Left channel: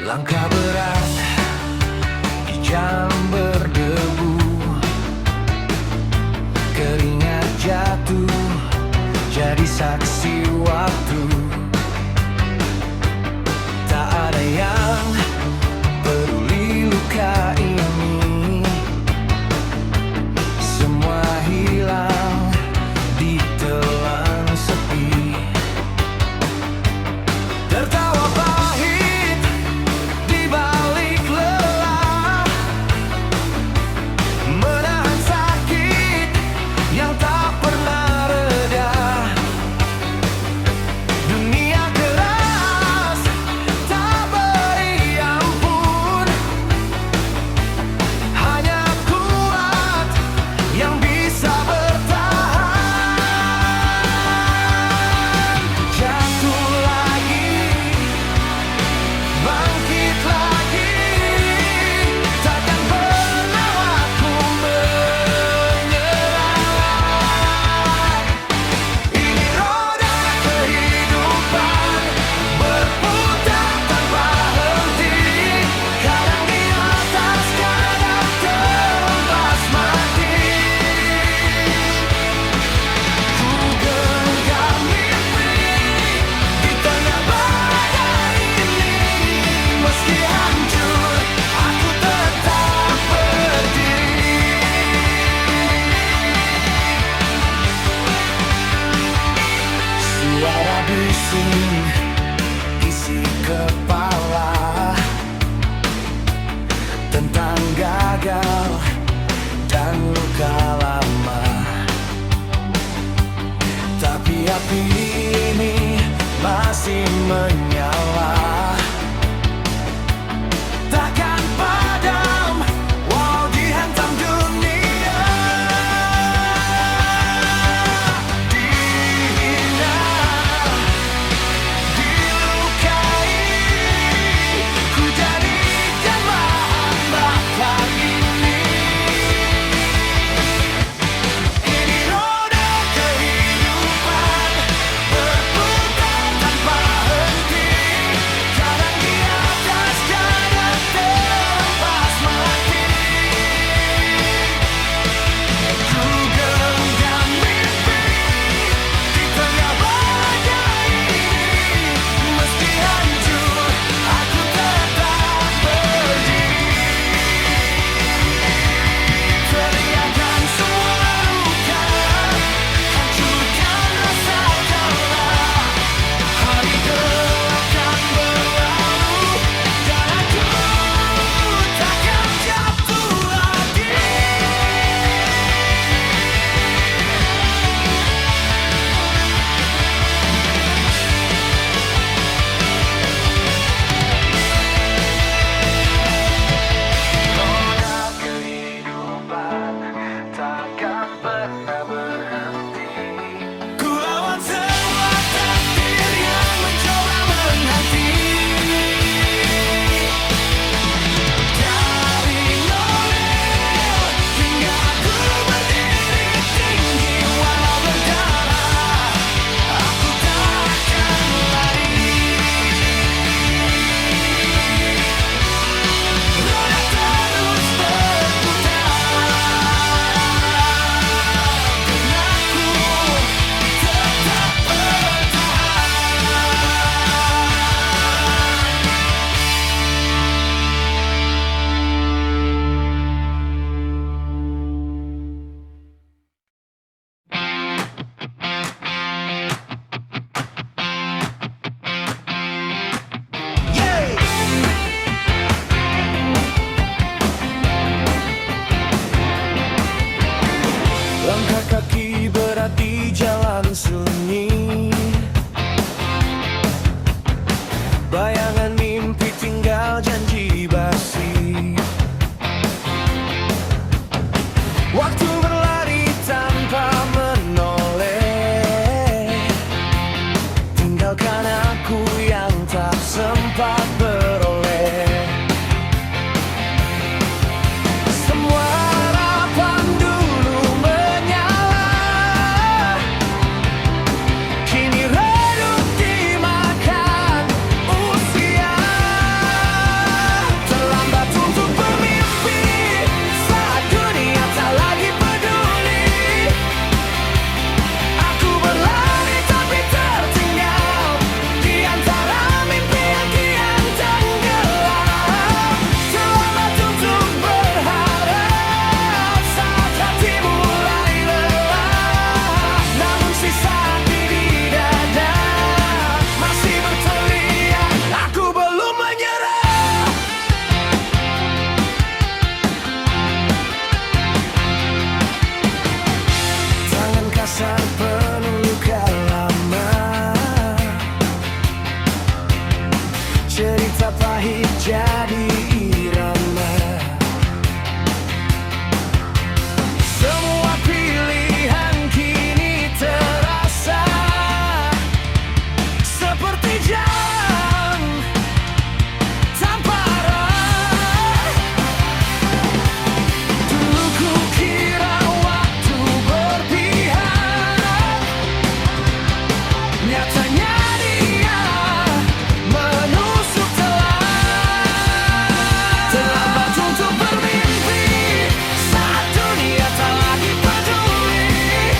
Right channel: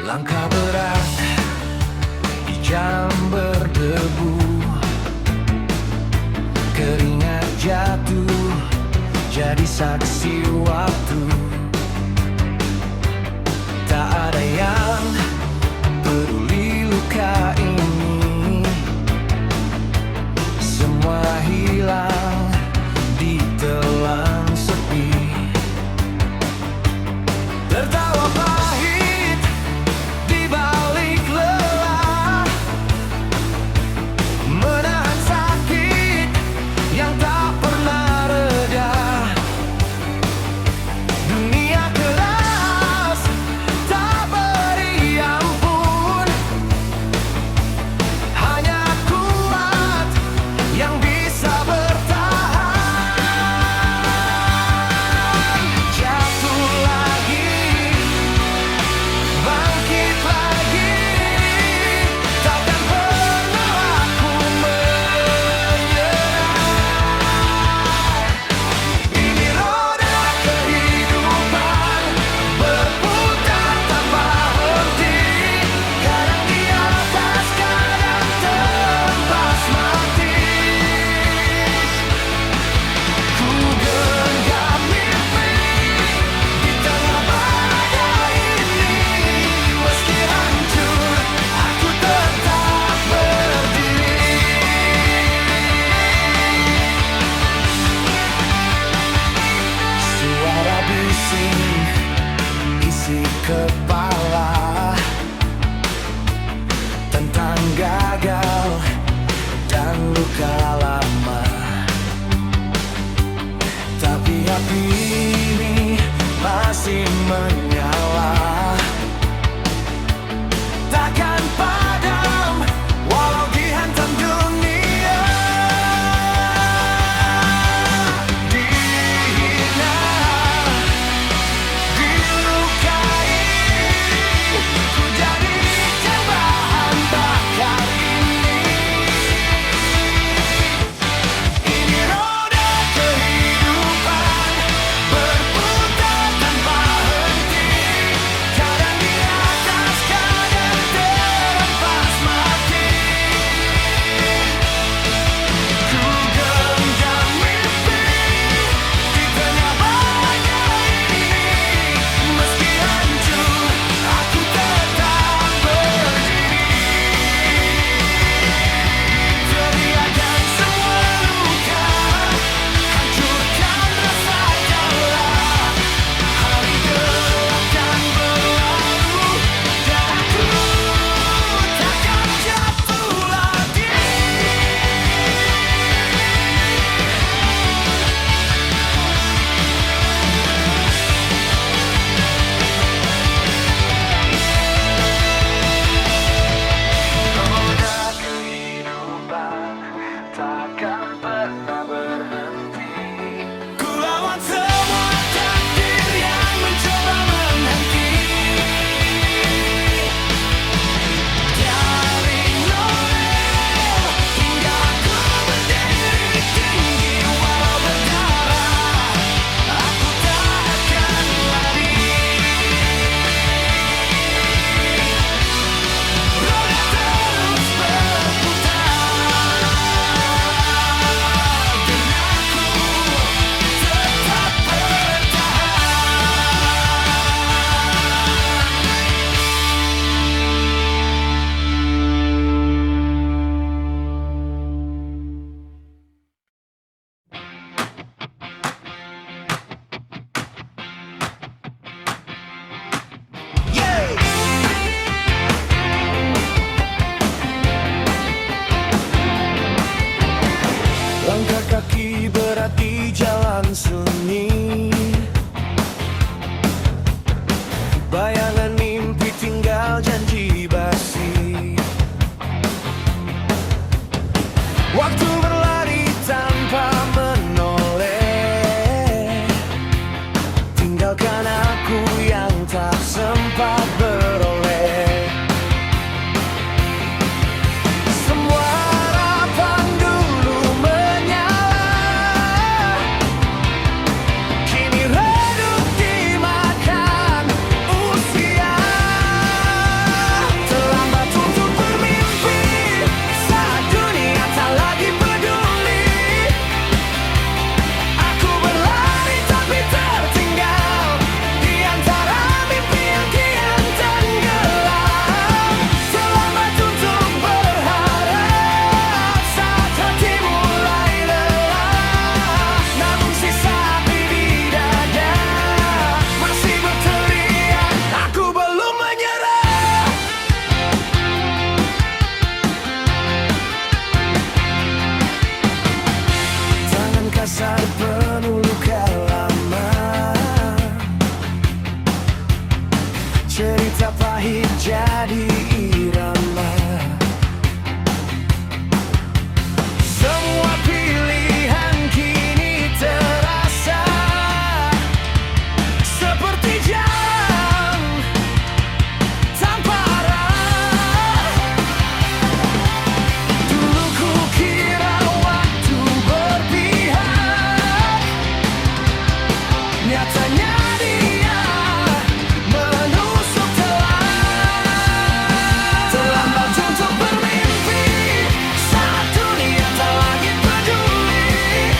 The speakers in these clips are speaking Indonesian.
Langkah berat di jalan berdebu, keringat jatuh jadi saksi waktu. Tak ada yang peduli luka ini, semua hilang ditelan sepi. Tertawa pahit di balik lelah, menahan sakit yang tak pernah reda. Dunia keras tak beri ampun, hanya kuat yang bisa bertahan. Jatuh lagi, bangkit lagi, takkan pernah aku menyerah. Ini roda kehidupan berputar tanpa henti, kadang di atas, kadang terhempas mati. Ku genggam mimpi di tengah badai ini, meski hancur aku tetap berdiri. Suara bising isi kepala tentang gagal dan luka lama, tapi api ini masih menyala, takkan padam walau dihantam dunia. Dihina, dilukai, ku jadikan bahan bakar ini. Ini roda kehidupan berputar tanpa henti, kadang di atas, kadang terhempas penuh luka lama. Cerita pahit jadi irama. Semua pilihan kini terasa seperti jalan tanpa arah. Dulu ku kira waktu berpihak, nyatanya dia menusuk telah. Terlambat untuk bermimpi saat dunia tak lagi peduli.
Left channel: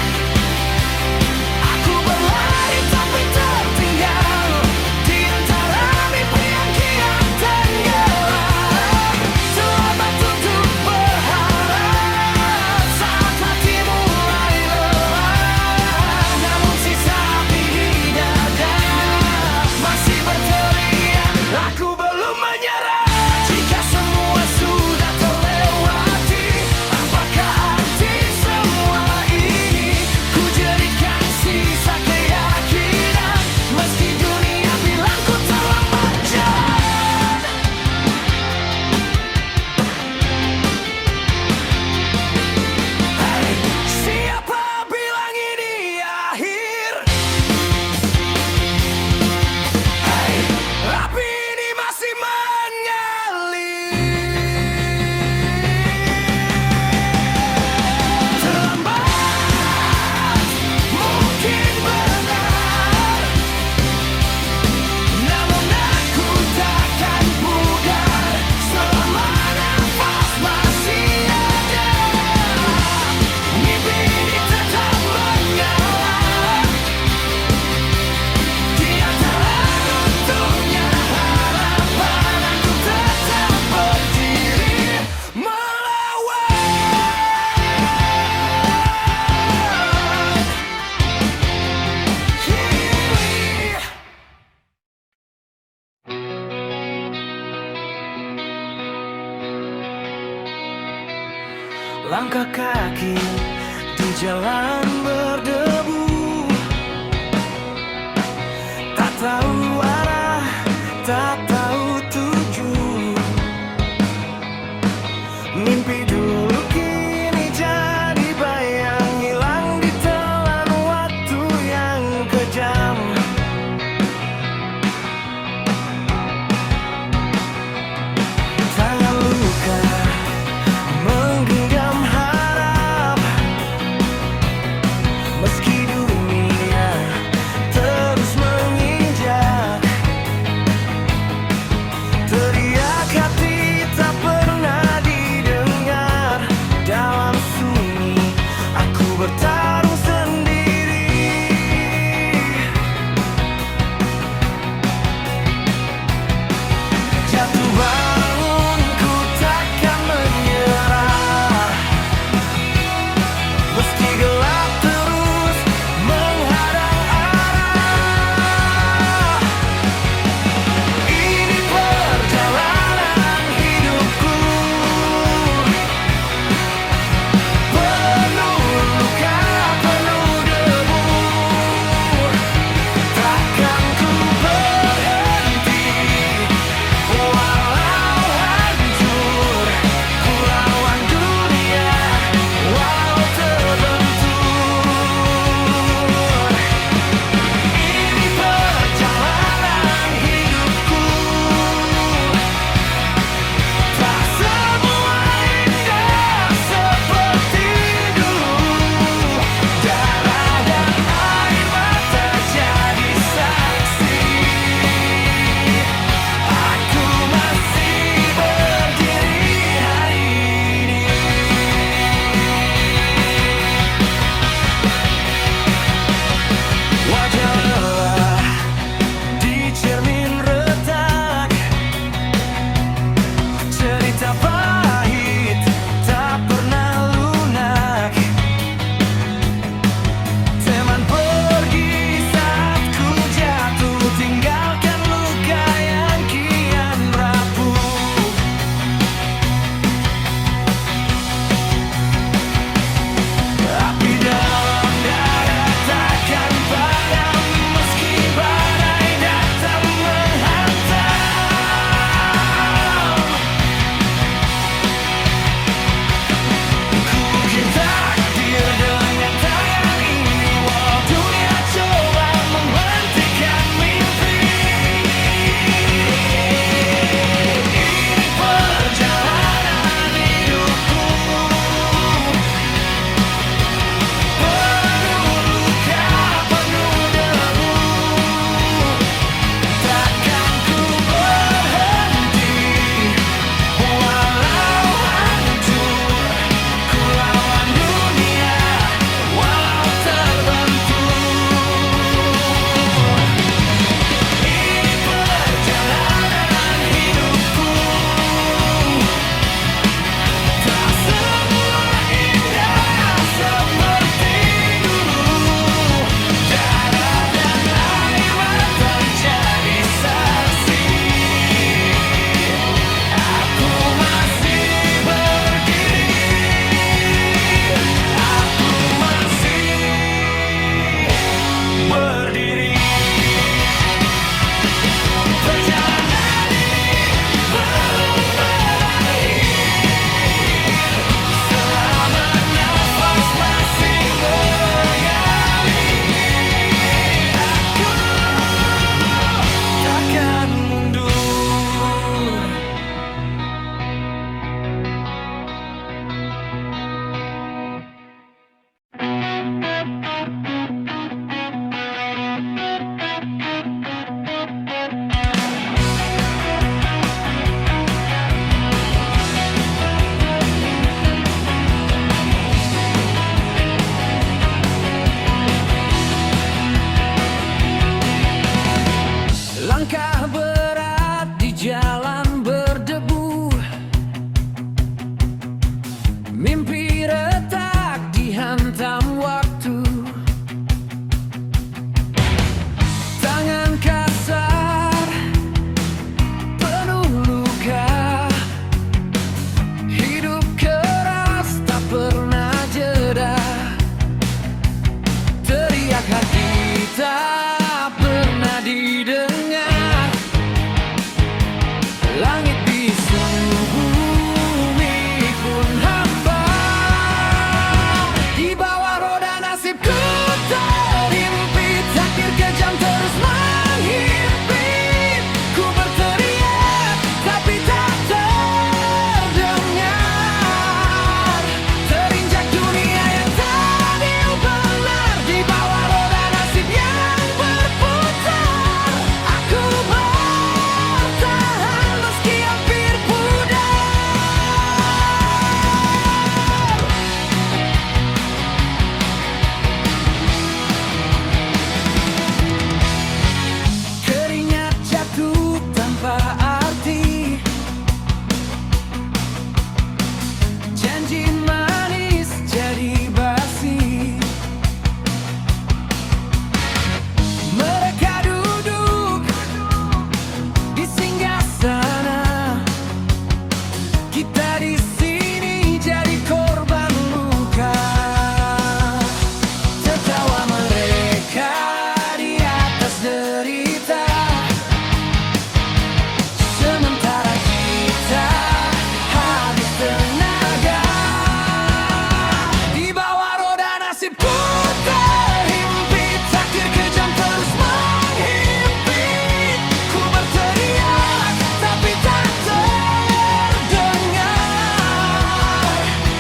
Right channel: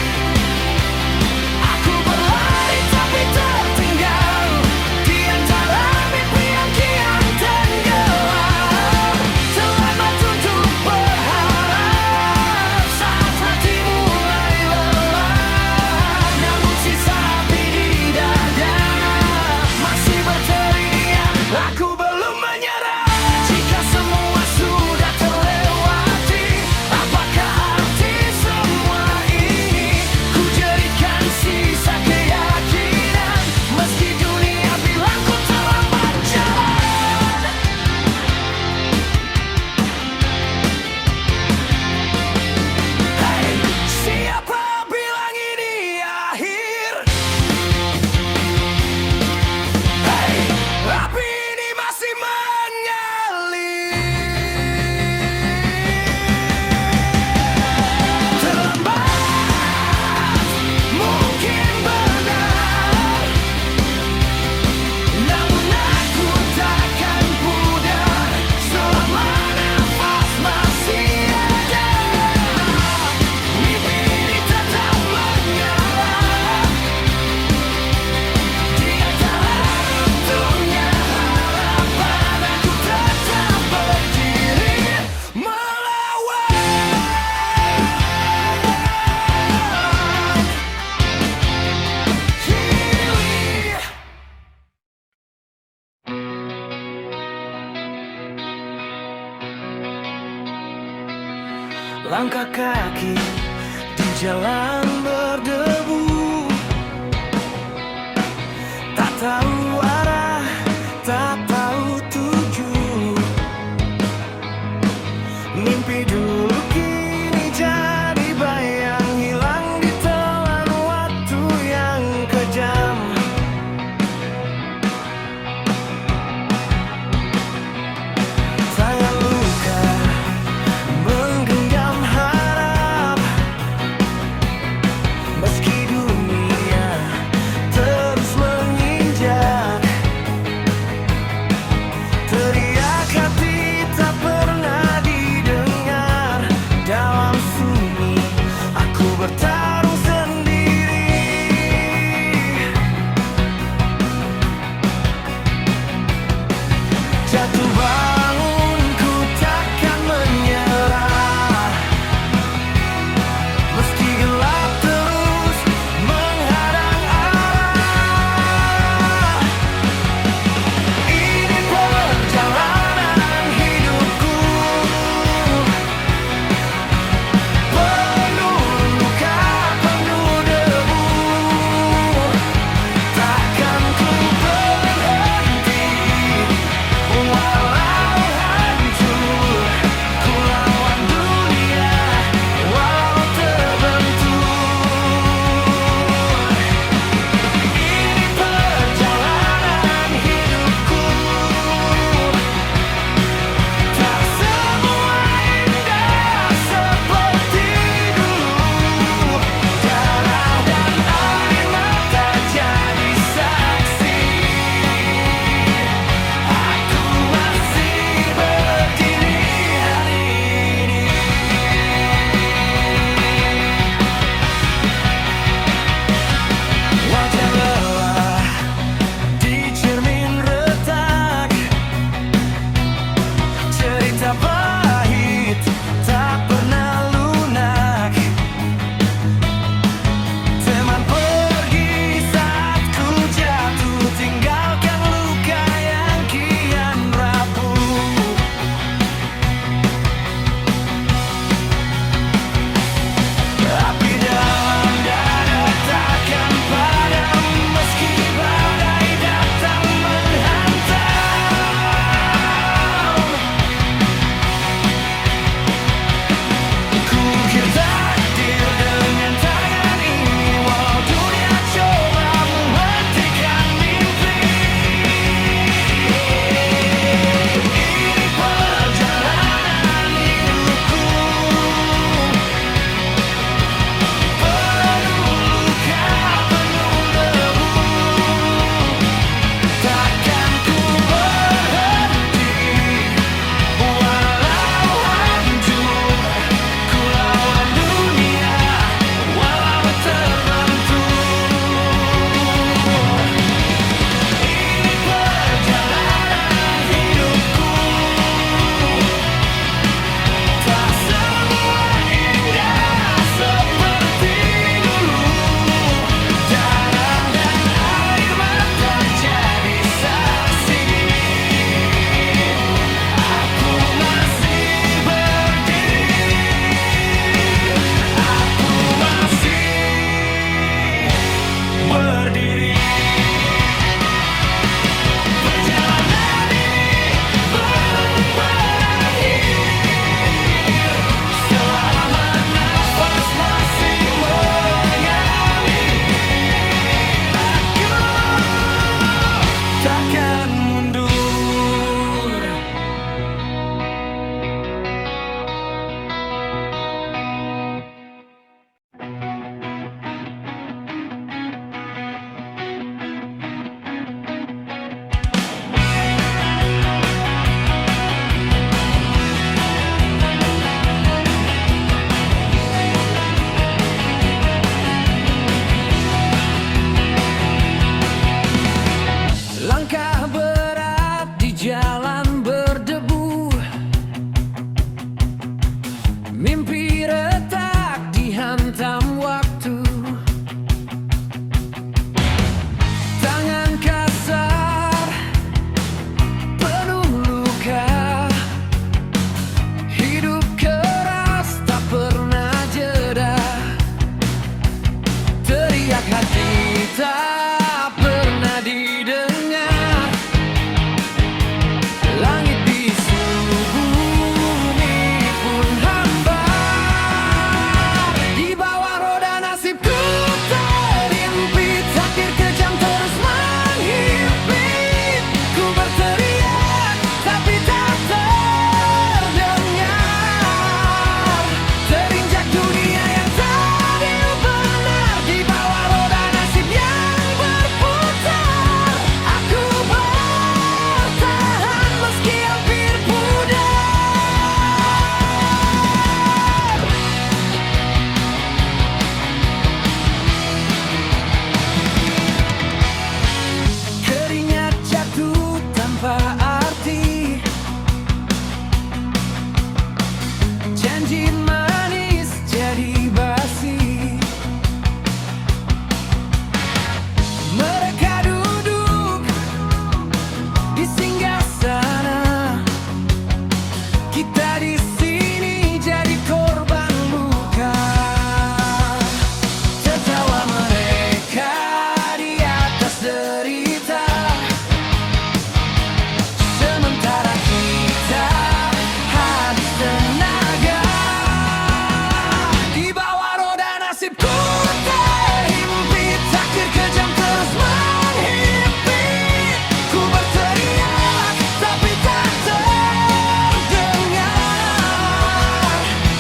Aku berlari tapi tertinggal di antara mimpi yang kian tenggelam. Terlambat untuk berharap saat hati mulai lelah. Namun sisa api di dada masih berteriak, aku belum menyerah. Jika semua sudah terlewati, apakah arti semua ini? Ku jadikan sisa keyakinan meski dunia bilang ku terlambat jalan. Hey, siapa bilang ini akhir? Hey, api ini masih mengalir. Terlambat mungkin benar, namun aku takkan pudar selama nafas masih ada. Mimpi ini tetap menyala di antara runtuhnya harapan. Aku tetap berdiri melawan. Hiwi. Langkah kaki di jalan berdebu, tak tahu arah, tak tahu tuju. Mimpi dulu kini jadi bayang, hilang ditelan waktu yang kejam. Tangan luka menggenggam harap, hati tak pernah didengar. Langit bisu, bumi pun hambar. Di bawah roda nasibku terhimpit, takdir kejam terus menghimpit. Ku berteriak tapi tak terdengar. Terinjak dunia yang tadi benar. Di bawah roda nasib yang berputar, aku bertahan meski hampir pudar. Keringat jatuh tanpa arti, janji manis jadi basi. Mereka duduk di singgasana, kita di sini jadi korban luka. Tertawa mereka di atas derita, sementara kita habis tenaga. Di bawah roda nasibku terhimpit, takdir kejam terus menghimpit. Ku berteriak tapi tak terdengar.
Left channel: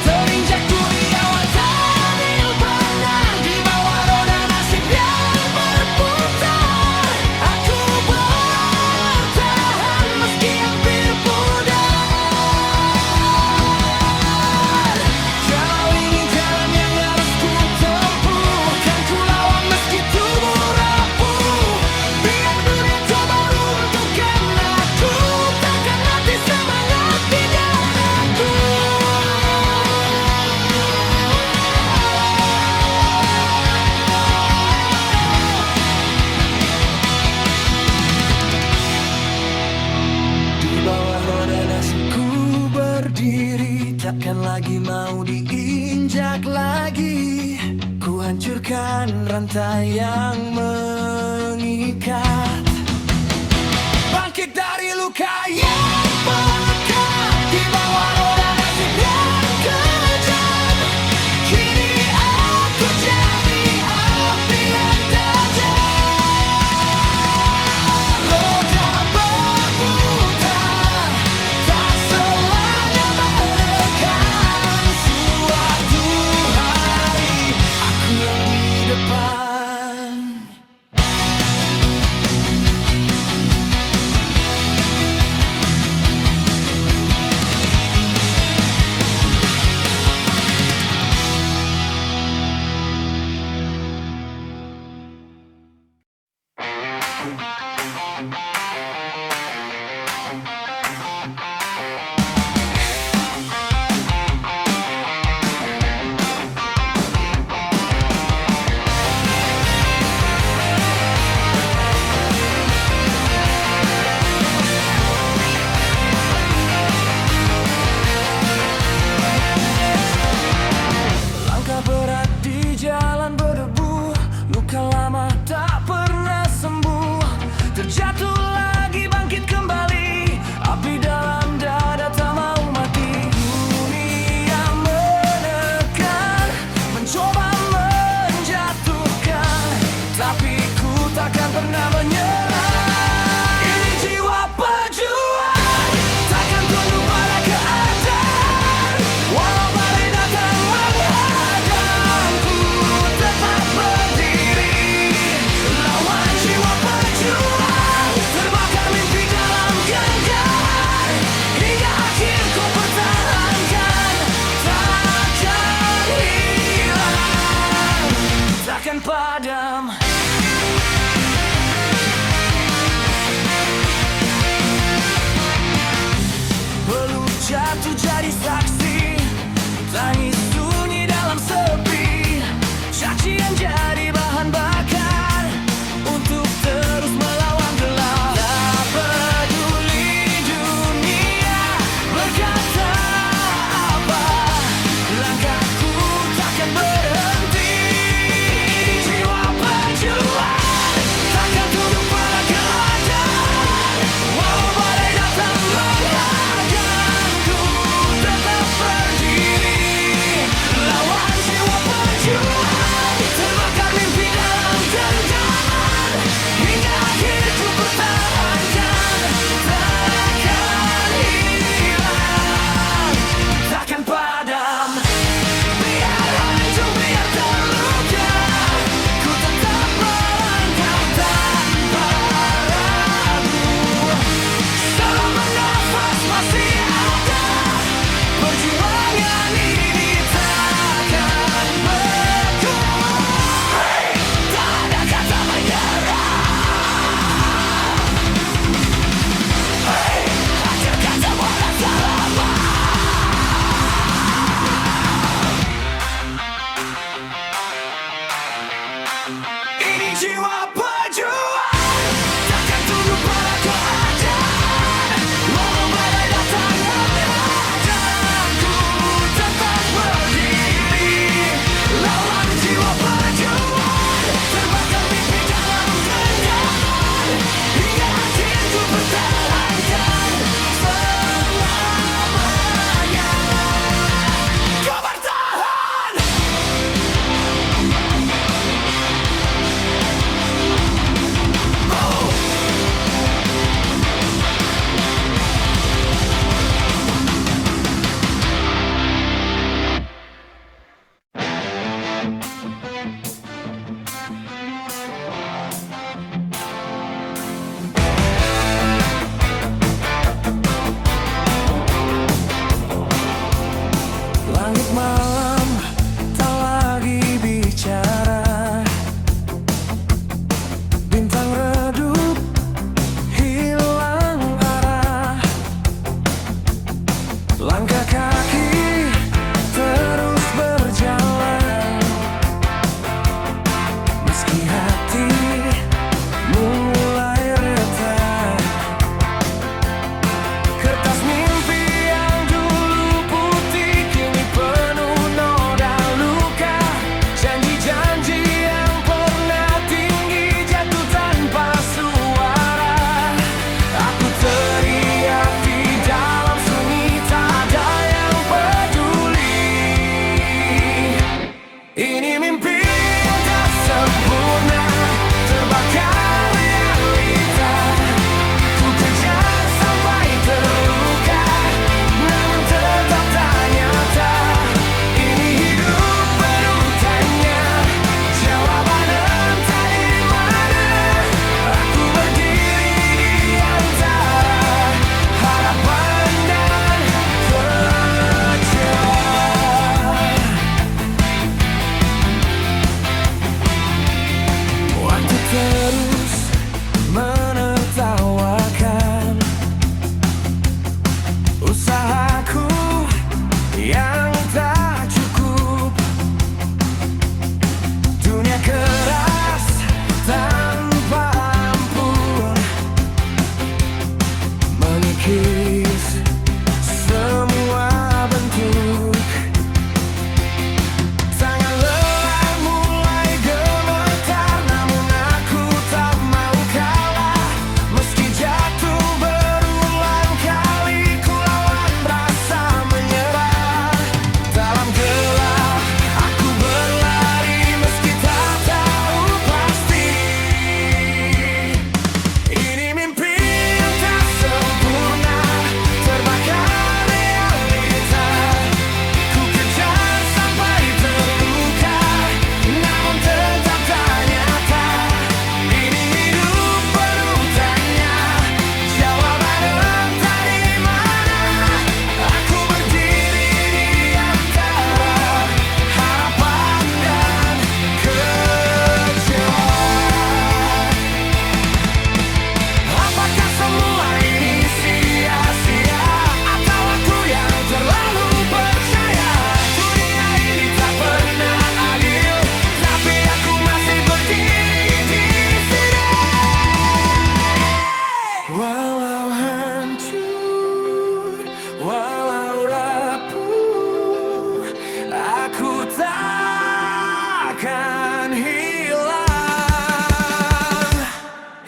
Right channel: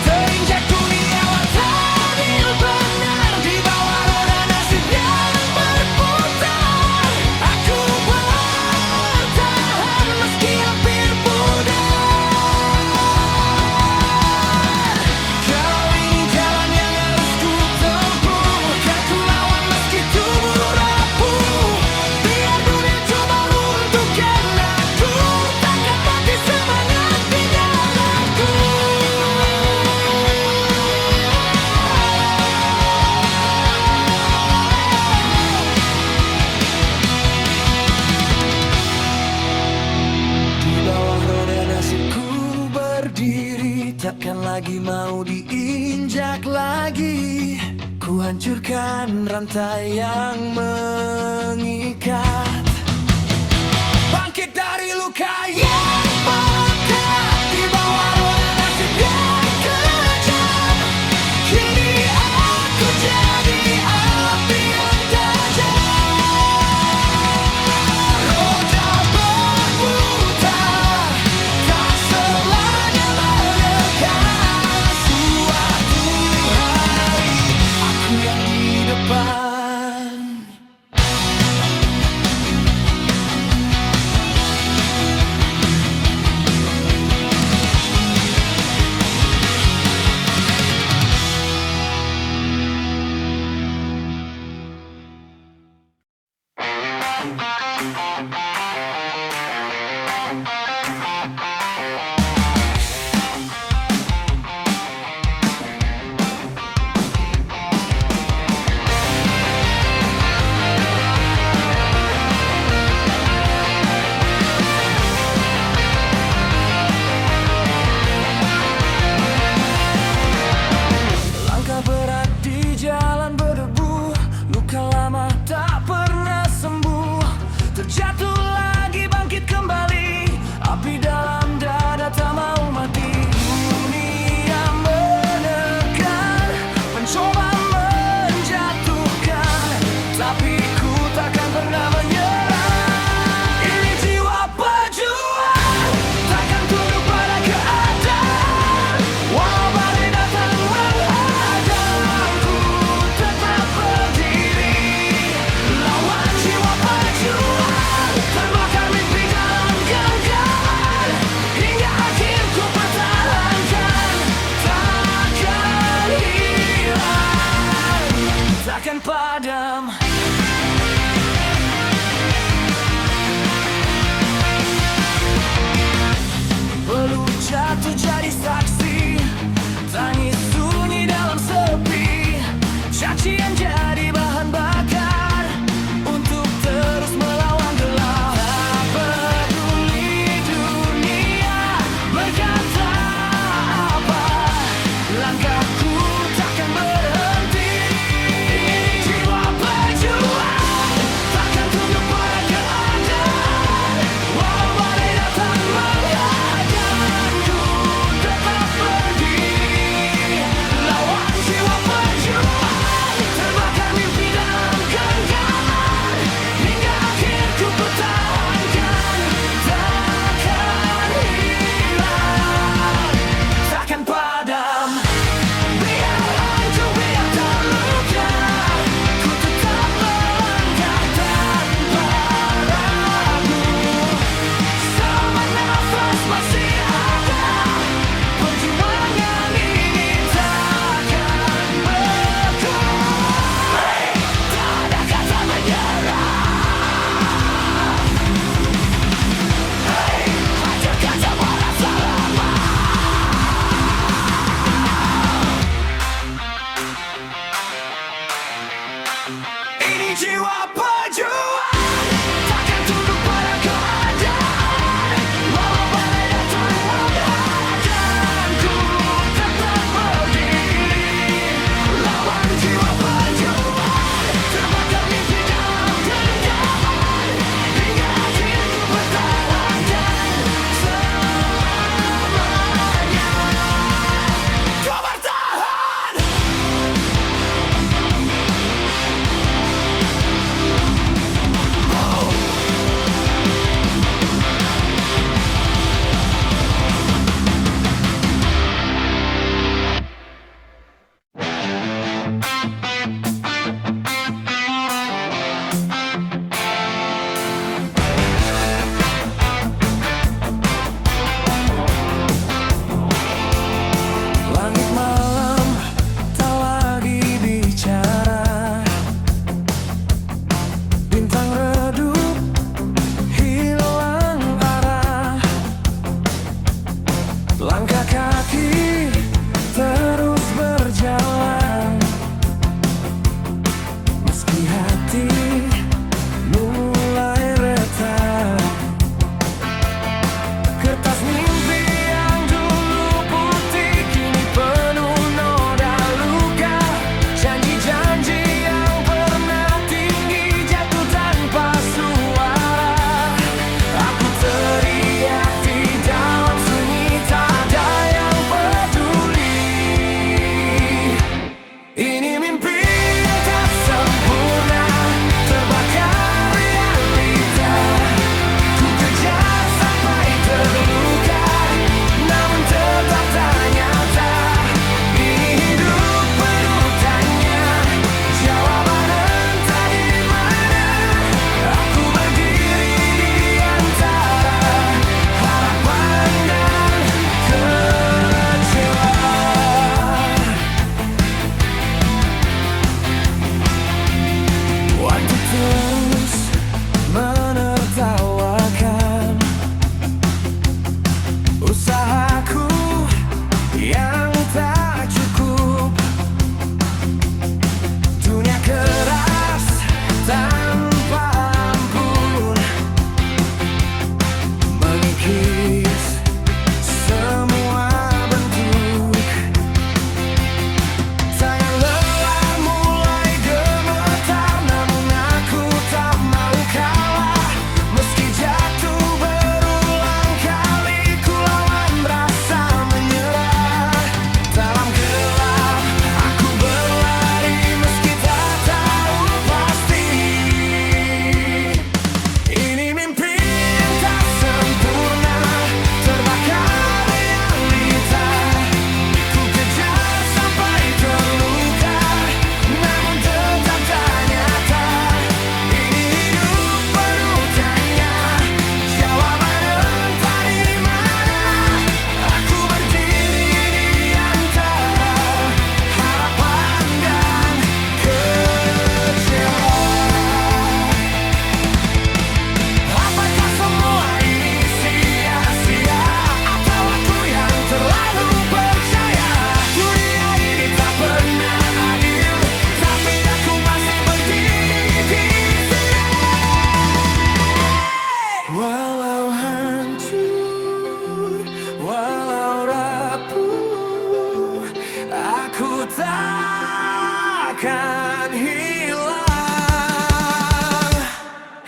Terinjak dunia adil benar. Di bawah roda nasib yang berputar, aku bertahan meski hampir pudar. Kalau ini jalan yang harus ku tempuh, kan ku lawan meski tubuh rapuh. Biar dunia coba runtuhkan aku, takkan mati semangat di dadaku. Di bawah roda nasibku berdiri, takkan lagi mau diinjak lagi. Ku hancurkan rantai yang mengikat, bangkit dari luka yang pekat. Di bawah roda nasib yang kejam, kini aku jadi api yang tajam. Roda berputar, tak selamanya menekan. Suatu hari aku yang di depan. Langkah berat di jalan berdebu, luka lama tak pernah sembuh. Terjatuh lagi, bangkit kembali, api dalam dada tak mau mati. Dunia menekan, mencoba menjatuhkan, tapi ku takkan pernah menyerah. Ini jiwa pejuang, takkan tunduk pada keadaan. Walau badai datang menghadang, ku tetap berdiri. Lawan jiwa pejuang, terbakar mimpi dalam genggaman. Hingga akhir ku pertahankan, takkan hilang, takkan padam. Peluk jatuh jadi saksi, tangis sunyi dalam sepi. Cacian jadi bahan bakar untuk terus melawan gelap. Tak peduli dunia berkata apa, langkahku takkan berhenti. Jiwa Ini jiwa pejuang, takkan tunduk pada keadaan. Walau badai datang menghadang, ku tetap berdiri. Lawan jiwa pejuang, terbakar mimpi dalam genggaman. Hingga akhirku pertahankan selamanya. Ku bertahan. Oh. Langit malam tak lagi bicara, bintang redup hilang arah. Langkah kaki terus berjalan, meski hati mulai retak. Kertas mimpi yang dulu putih kini penuh noda luka. Janji-janji yang pernah tinggi jatuh tanpa suara. Aku teriak di dalam sunyi, tak ada yang peduli. Ini mimpi yang tak sempurna, terbakar realita. Ku kejar sampai terluka, namun tetap tak nyata. Ini hidup penuh tanya, jawaban entah di mana. Aku berdiri di antara harapan dan kecewa. Waktu terus menertawakan usahaku yang tak cukup. Dunia keras tanpa ampun, mengikis semua bentuk. Tangan lelah mulai gemetar, namun aku tak mau kalah. Meski jatuh berulang kali, ku lawan rasa menyerah. Dalam gelap aku berlari, meski tak tahu pasti. Ini mimpi yang tak sempurna, terbakar realita. Ku kejar sampai terluka, namun tetap tak nyata. Ini hidup penuh tanya, jawaban entah di mana. Aku berdiri di antara harapan dan kecewa. Apakah semua ini sia-sia, atau aku yang terlalu percaya? Dunia ini tak pernah adil, tapi aku masih berdiri di sini. Walau hancur, walau rapuh, aku takkan hilang.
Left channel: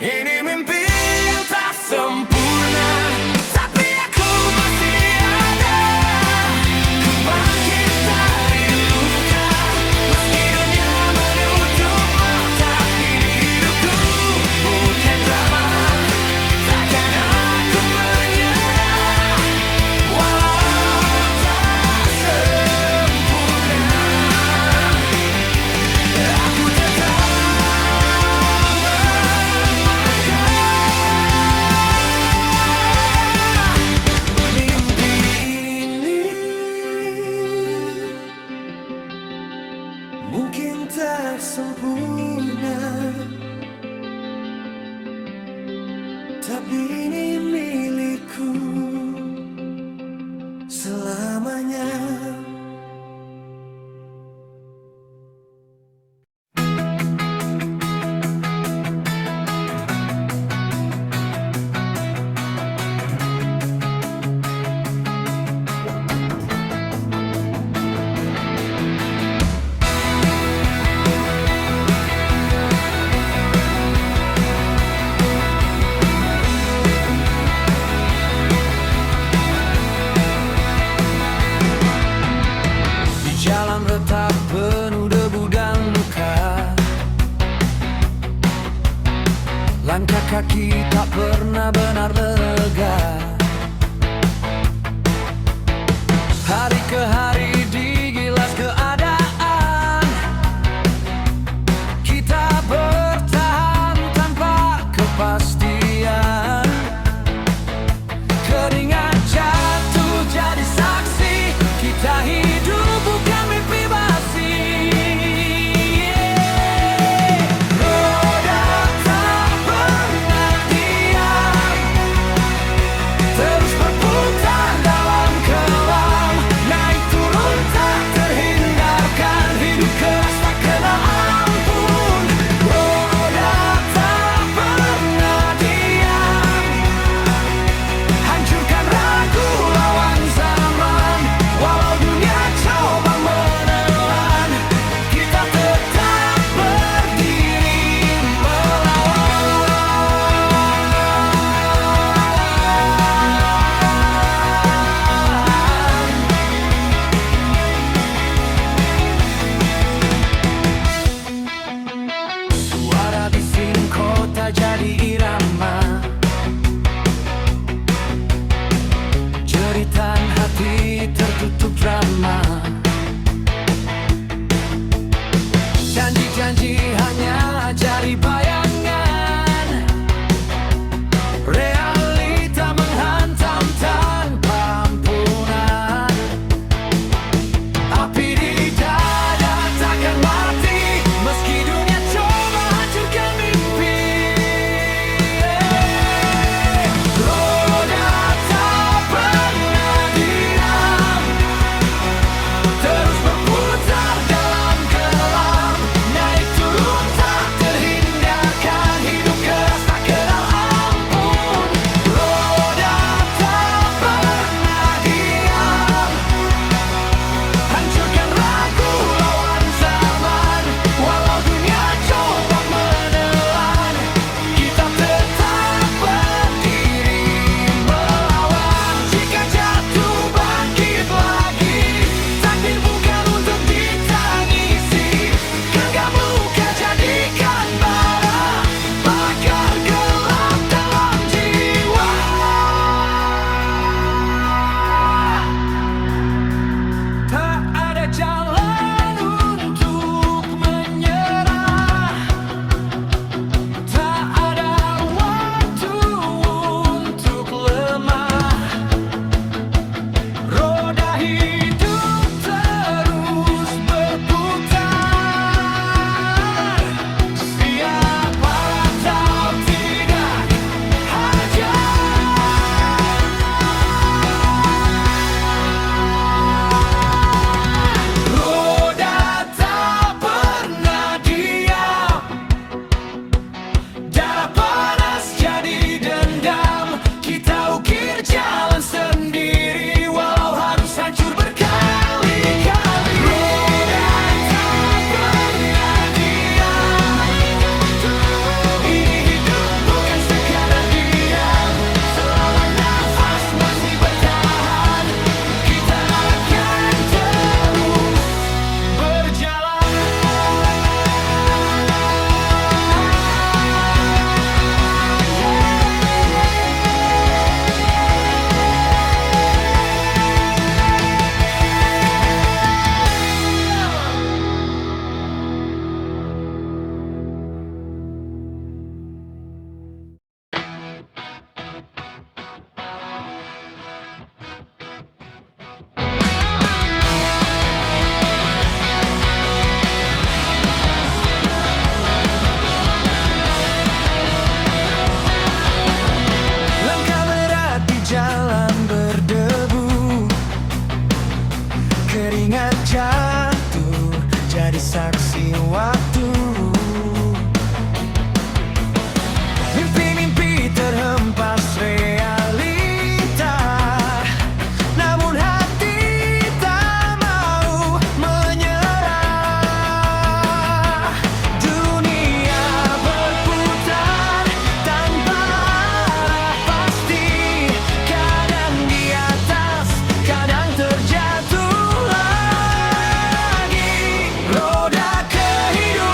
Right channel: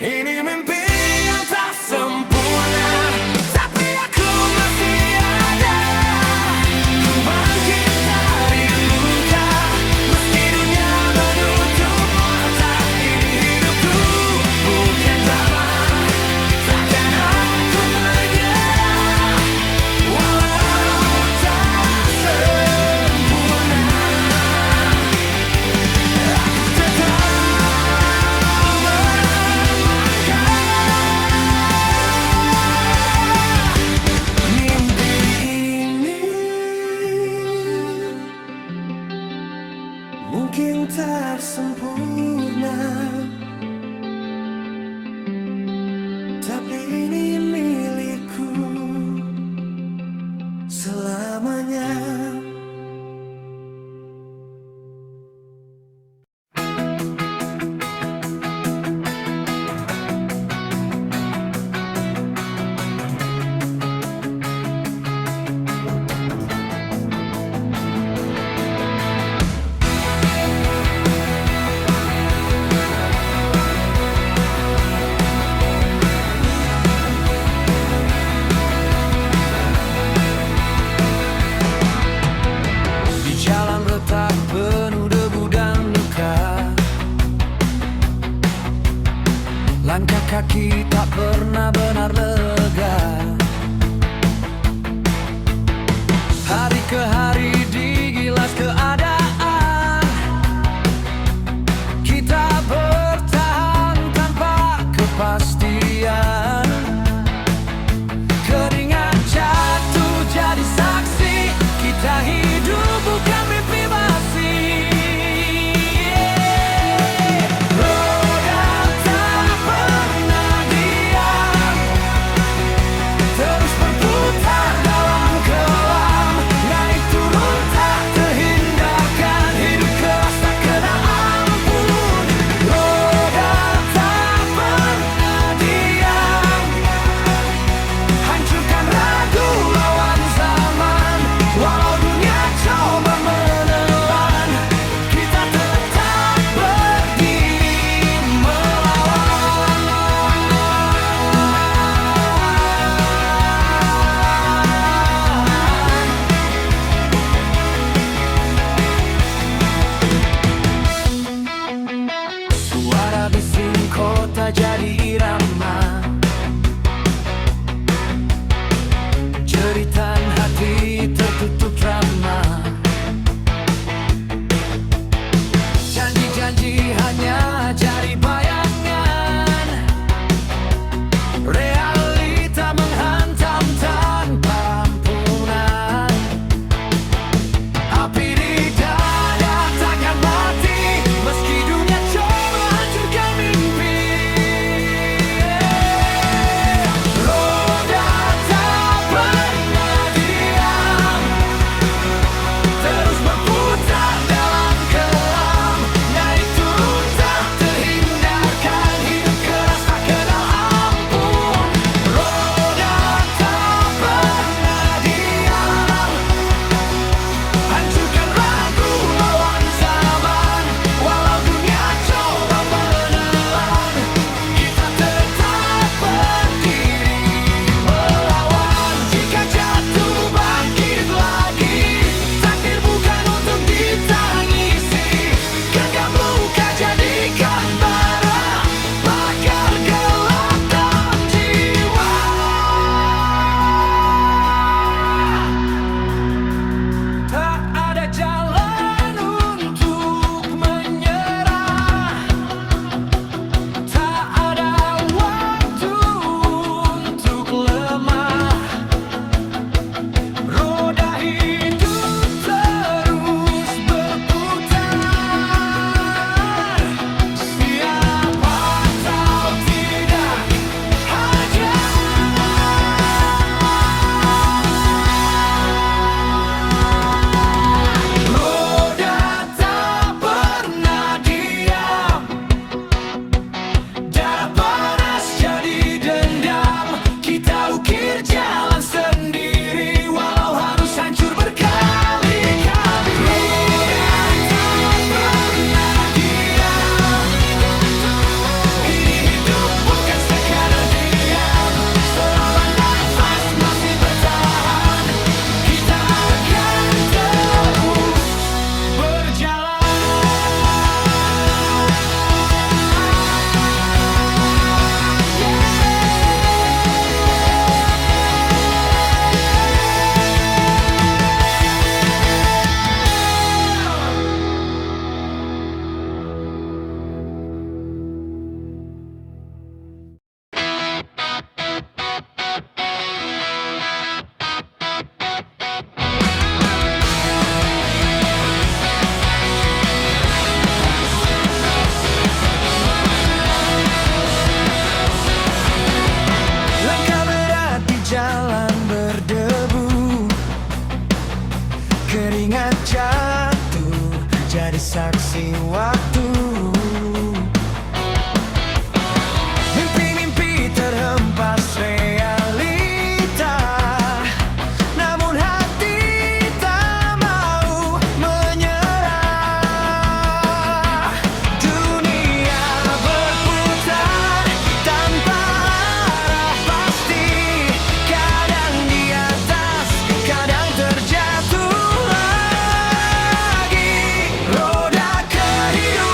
Ini mimpi yang tak sempurna, tapi aku masih ada. Ku bangkit dari luka, meski dunia menutup mata. Ini hidupku, bukan drama. Takkan aku menyerah, walau tak sempurna. Aku tetap mungkin tak sempurna, tapi ini milikku selamanya. Langkah kaki tak pernah benar lega. Hari ke hari digilas keadaan, kita bertahan tanpa kepastian. Keringat jatuh jadi saksi, kita hidup bukan mimpi basi. Bising kota jadi irama, jeritan hati tertutup ramah. Janji-janji hanya jadi bayangan, realita menghantam tanpa ampunan. Api di dada takkan mati, meski dunia coba hancurkan mimpi. Roda tak pernah diam, terus berputar dalam kelam. Naik turun tak terhindarkan, hidup keras tak kenal ampun. Roda tak pernah diam, hancurkan ragu lawan zaman. Walau dunia coba menelan, kita tetap berdiri melawan. Jika jatuh bangkit lagi, takdir bukan untuk ditangisi. Genggam luka jadikan bara, bakar gelap dalam jiwa. Tak ada jalan untuk menyerah, tak ada waktu untuk lemah. Roda hidup terus berputar, siapa tahu tidak hajar. Roda tak pernah diam, darah panas jadi dendam. Kita ukir jalan sendiri, walau harus hancur berkali-kali. Roda tak pernah diam, ini hidup bukan sekadar diam. Selama nafas masih bertahan, kita akan terus berjalan. Langkah berat di jalan berdebu, keringat jatuh jadi saksi waktu. Mimpi-mimpi terhempas realita, namun hati tak mau menyerah. Dunia berputar tanpa arah pasti, kadang di atas, kadang terjatuh lagi. Roda kehidupan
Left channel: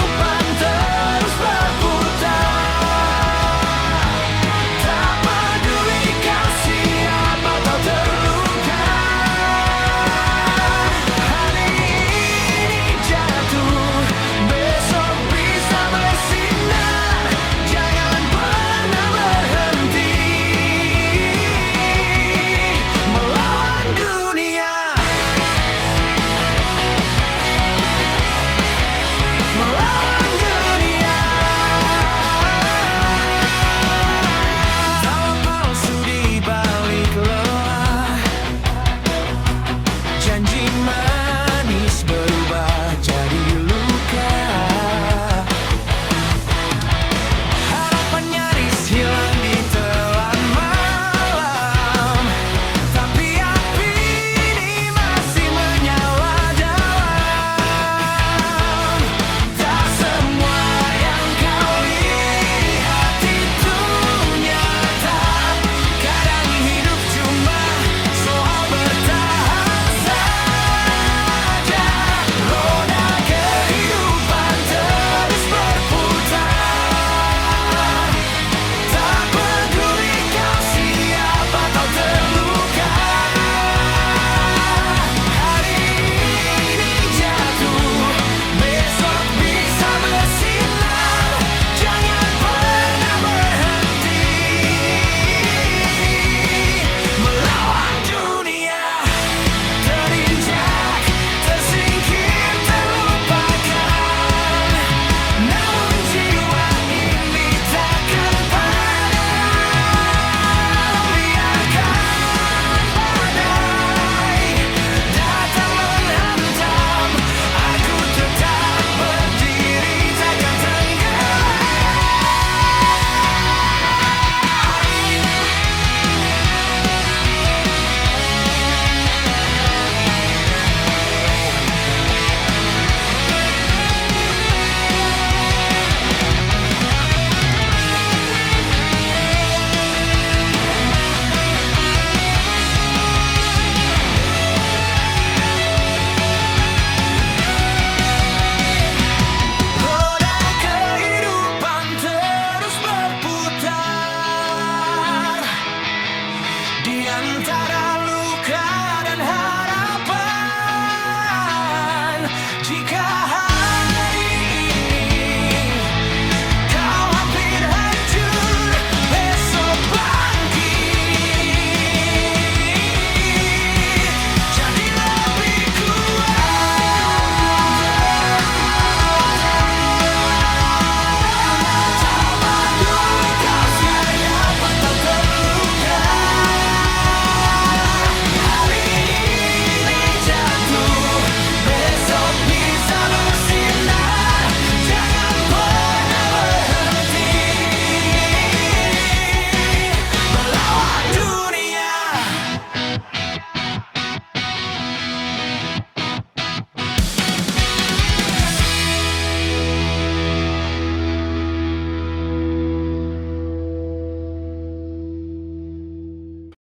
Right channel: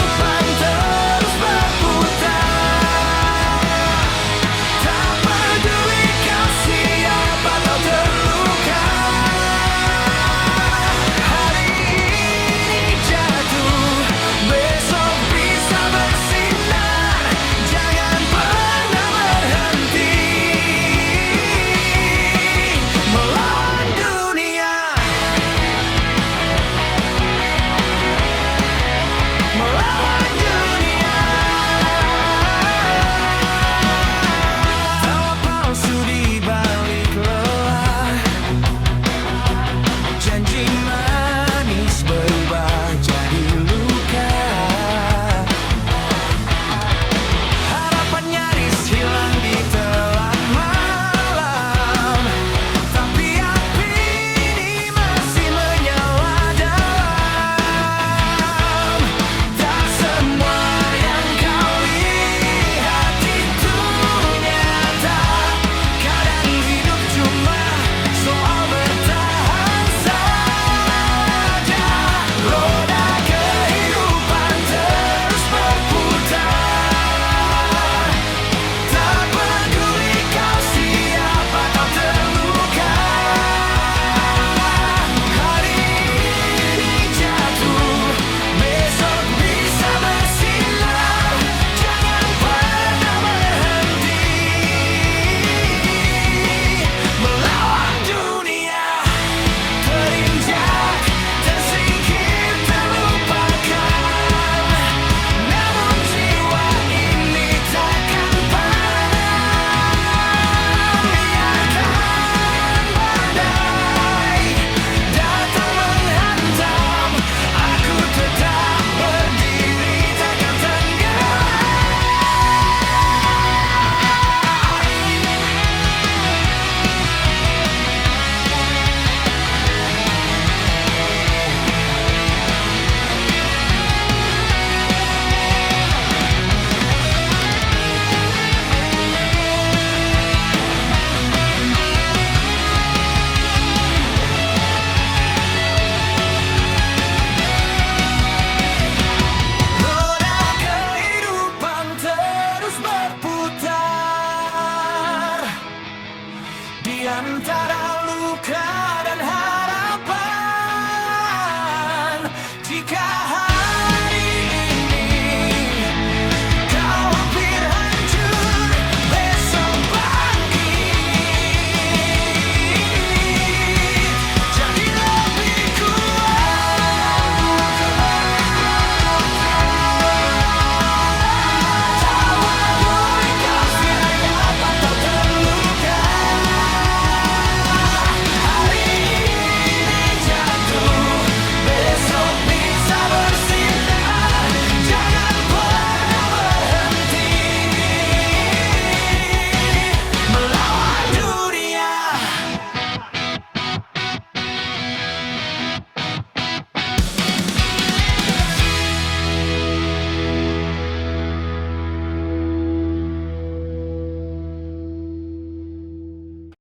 antara